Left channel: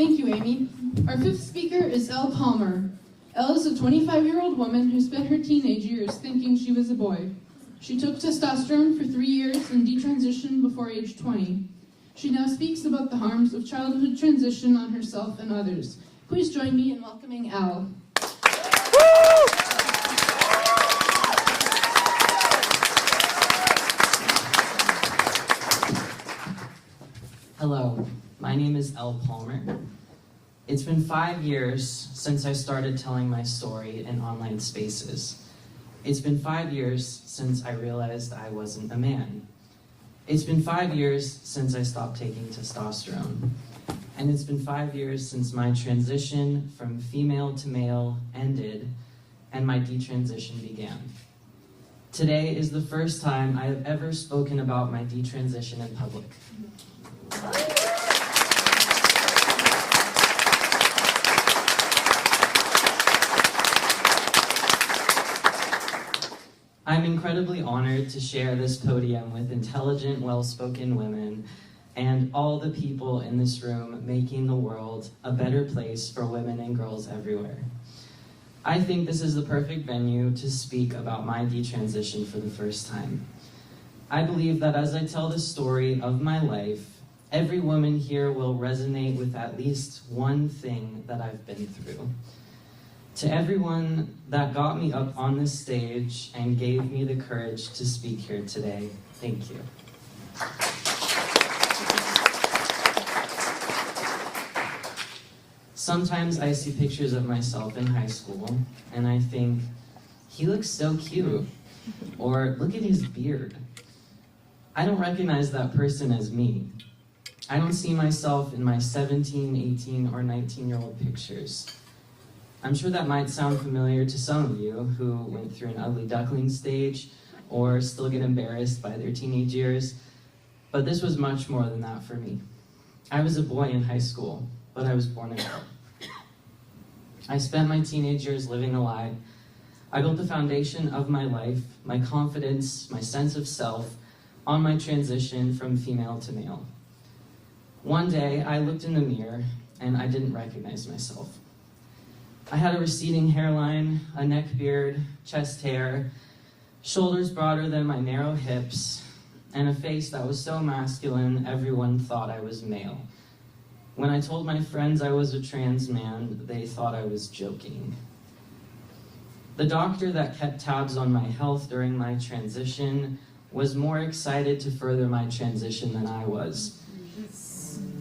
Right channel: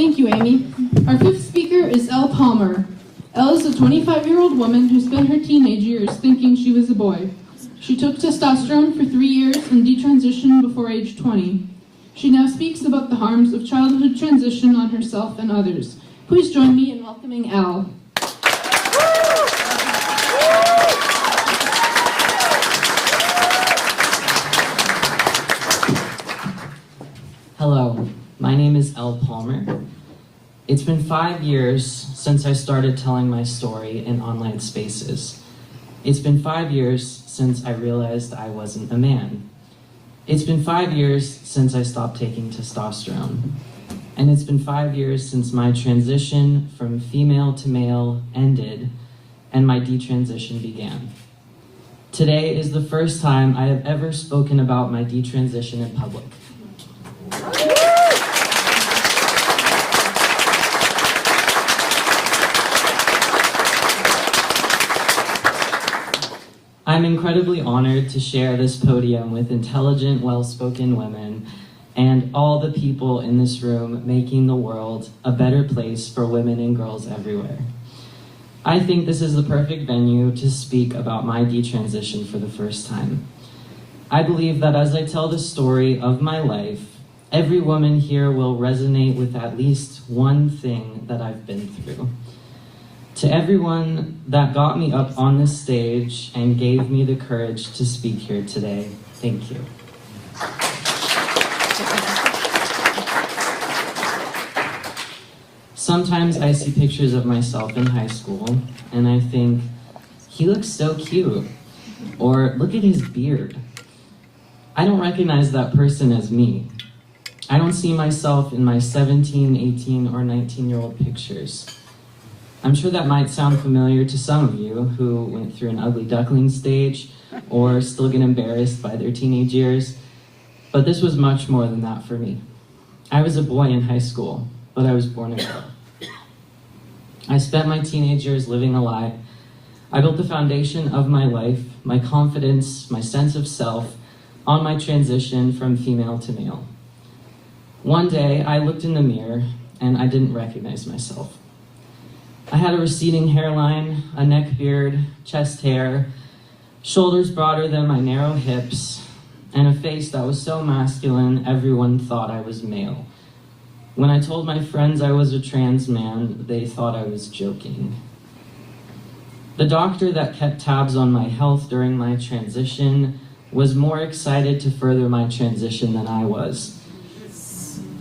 Thank you, Amy. Our fifth speaker is Elle Palmer. Elle is a 25-year-old woman who spent her teenage years thinking she was a boy. She took testosterone for 3 years and detransitioned before age 20. She now speaks about the harms of childhood transition on herself and others. Please join me in welcoming Elle. Hello, my name is Elle Palmer. It's been 5 years since I started telling my story in online spaces. It's been 5 years since I realized I wasn't a man. It's been 5 years since I stopped taking testosterone. And it's been 5 years since my transition from female to male ended and my detransition began. Today is the first time I have ever spoken about my detransition in public. I'm incredibly honored to share this podium with intelligent, well-spoken women and all the people in this room making the world a better place for women and girls everywhere. I think this is the perfect venue to speak about my detransition for the first time. I believe that as I tell the story of my life, every woman here will resonate with at least one thing that I've been through. To everyone that got me up on this stage and gave me the courage to speak here today, thank you. Sometimes I see pictures of myself in high school and I think, he looks so cute, or look at his beard. I don't recognize that person as me. I don't see myself in my 17, 18, or 19-year-old pictures. I'm sure that might sound familiar to some of you who went through an ugly duckling stage or still get embarrassed by their teenage years, but this was much more than that for me. I was a boy in high school, but I was born a girl. I spent my teenage years living a lie. I built the foundation of my life, my confidence, my sense of self, on my transition from female to male. One day, I looked in the mirror and I didn't recognize myself. I had a receding hairline, a neck beard, chest hair, shoulders broader than my narrow hips, and a face that was so masculine everyone thought I was male. When I told my friends I was a trans man, they thought I was joking. The doctor that kept tabs on my health during my transition was more excited to further my transition than I was.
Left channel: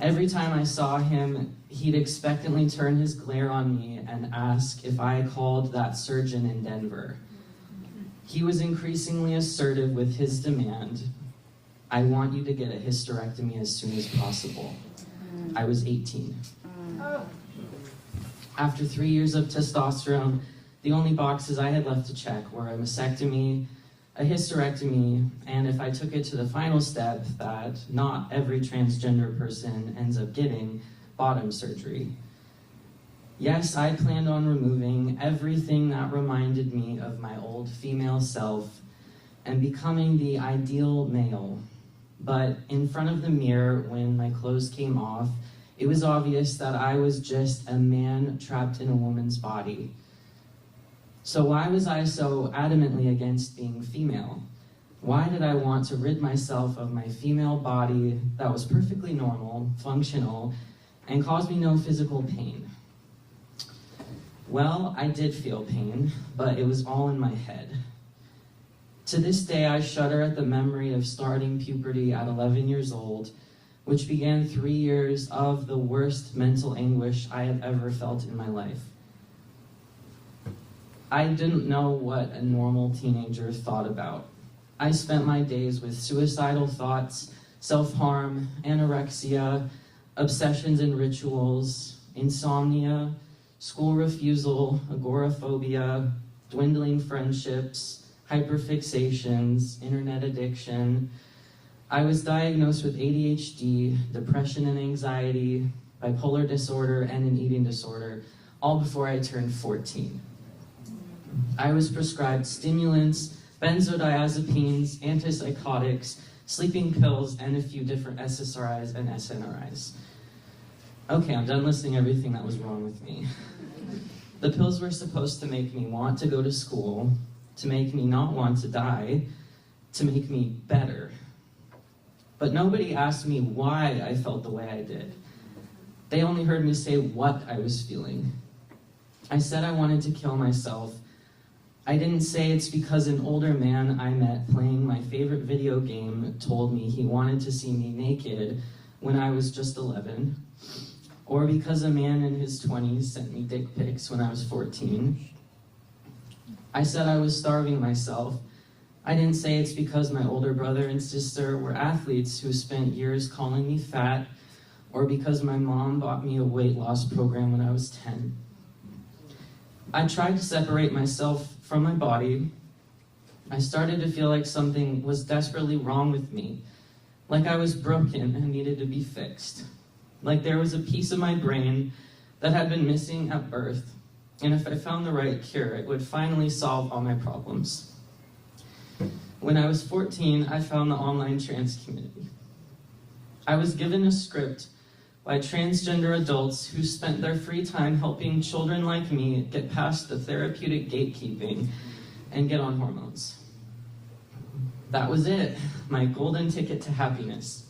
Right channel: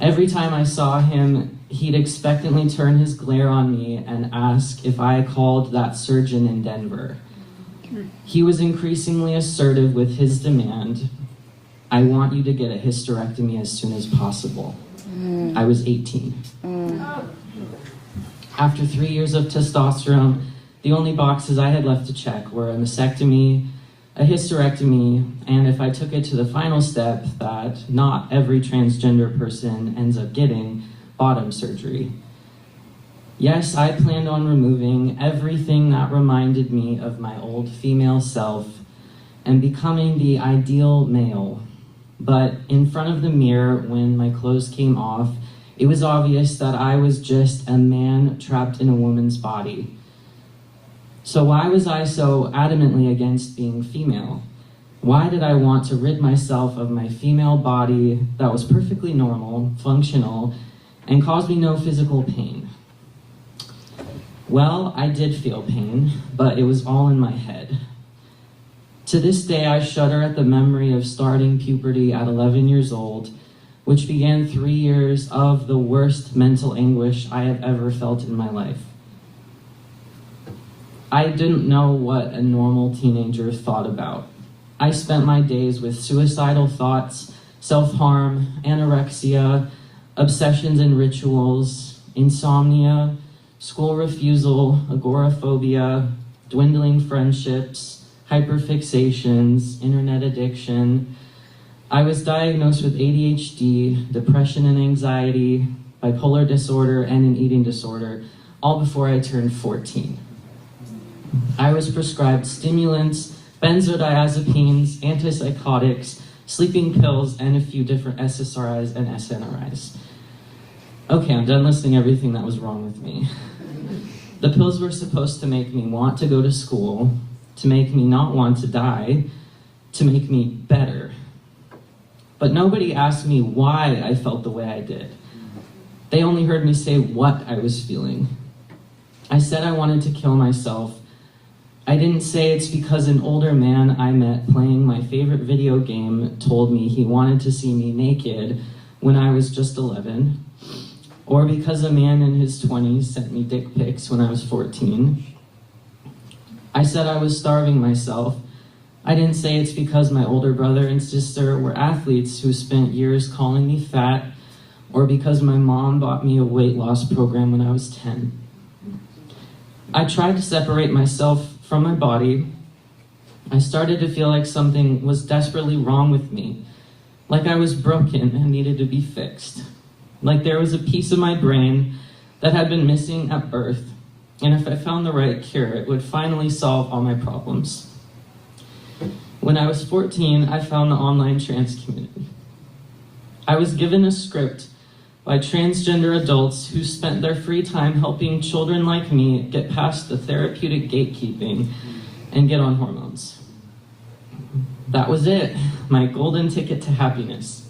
Every time I saw him, he'd expectantly turn his glare on me and ask if I called that surgeon in Denver. He was increasingly assertive with his demand, I want you to get a hysterectomy as soon as possible. I was 18. After 3 years of testosterone, the only boxes I had left to check were a mastectomy, a hysterectomy, and if I took it to the final step that not every transgender person ends up getting, bottom surgery. Yes, I planned on removing everything that reminded me of my old female self and becoming the ideal male. But in front of the mirror, when my clothes came off, it was obvious that I was just a man trapped in a woman's body. So why was I so adamantly against being female? Why did I want to rid myself of my female body that was perfectly normal, functional, and caused me no physical pain? Well, I did feel pain, but it was all in my head. To this day, I shudder at the memory of starting puberty at 11 years old, which began 3 years of the worst mental anguish I have ever felt in my life. I didn't know what a normal teenager thought about. I spent my days with suicidal thoughts, self-harm, anorexia, obsessions and rituals, insomnia, school refusal, agoraphobia, dwindling friendships, hyperfixations, internet addiction. I was diagnosed with ADHD, depression and anxiety, bipolar disorder, and an eating disorder, all before I turned 14. I was prescribed stimulants, benzodiazepines, antipsychotics, sleeping pills, and a few different SSRIs and SNRIs. Okay, I'm done listing everything that was wrong with me. The pills were supposed to make me want to go to school, to make me not want to die, to make me better. But nobody asked me why I felt the way I did. They only heard me say what I was feeling. I said I wanted to kill myself. I didn't say it's because an older man I met playing my favorite video game told me he wanted to see me naked when I was just 11, or because a man in his 20s sent me dick pics when I was 14. I said I was starving myself. I didn't say it's because my older brother and sister were athletes who spent years calling me fat, or because my mom bought me a weight loss program when I was 10. I tried to separate myself from my body. I started to feel like something was desperately wrong with me, like I was broken and needed to be fixed, like there was a piece of my brain that had been missing at birth, and if I found the right cure, it would finally solve all my problems. When I was 14, I found the online trans community. I was given a script by transgender adults who spent their free time helping children like me get past the therapeutic gatekeeping and get on hormones. That was it, my golden ticket to happiness.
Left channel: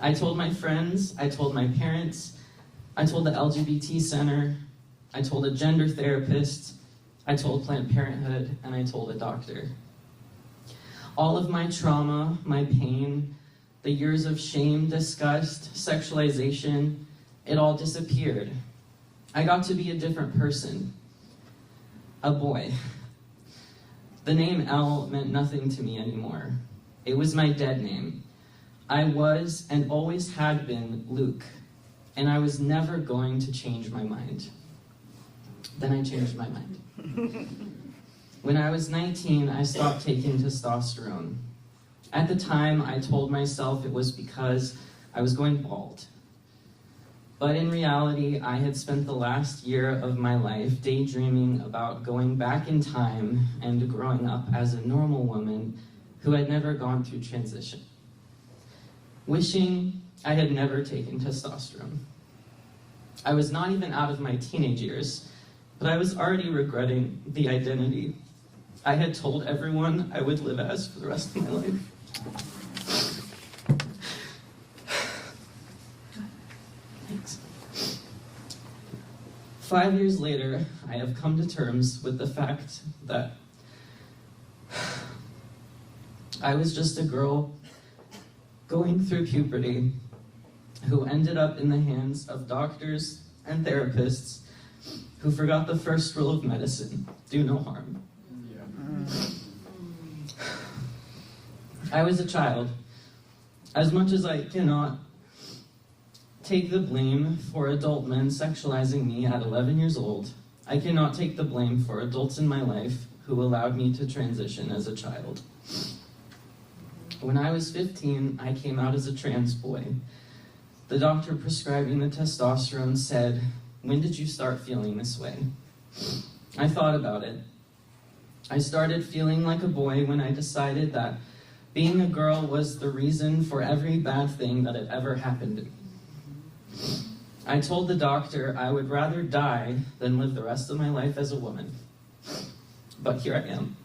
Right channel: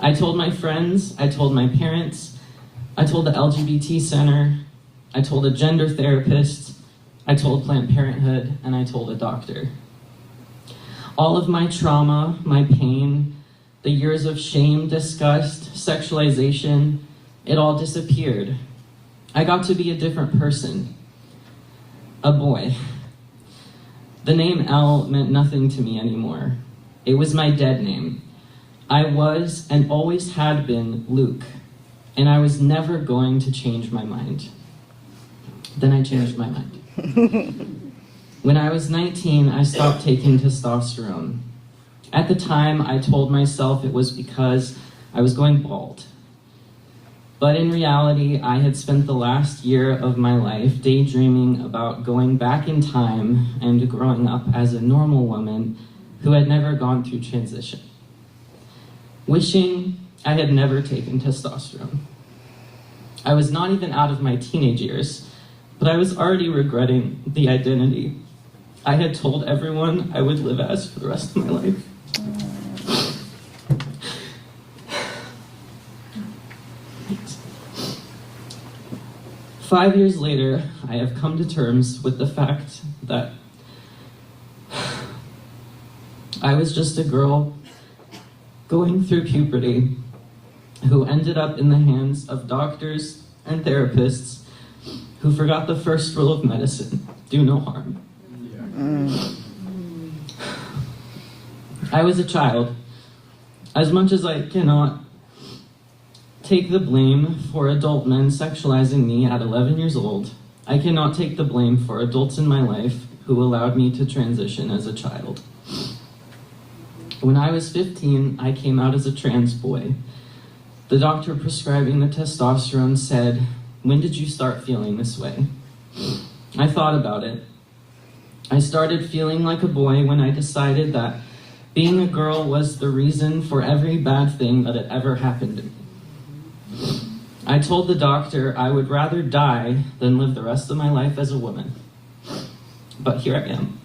I told my friends, I told my parents, I told the LGBT center, I told a gender therapist, I told Planned Parenthood, and I told a doctor. All of my trauma, my pain, the years of shame, disgust, sexualization, it all disappeared. I got to be a different person, a boy. The name Elle meant nothing to me anymore. It was my dead name. I was and always had been Luke, and I was never going to change my mind. Then I changed my mind. When I was 19, I stopped taking testosterone. At the time, I told myself it was because I was going bald. But in reality, I had spent the last year of my life daydreaming about going back in time and growing up as a normal woman who had never gone through transition. Wishing I had never taken testosterone. I was not even out of my teenage years, but I was already regretting the identity I had told everyone I would live as for the rest of my life. Thanks. 5 years later, I have come to terms with the fact that I was just a girl going through puberty who ended up in the hands of doctors and therapists who forgot the first rule of medicine: do no harm. I was a child. As much as I cannot take the blame for adult men sexualizing me at 11 years old, I cannot take the blame for adults in my life who allowed me to transition as a child. When I was 15, I came out as a trans boy. The doctor prescribing the testosterone said, "When did you start feeling this way?" I thought about it. I started feeling like a boy when I decided that being a girl was the reason for every bad thing that had ever happened to me. I told the doctor I would rather die than live the rest of my life as a woman. But here I am.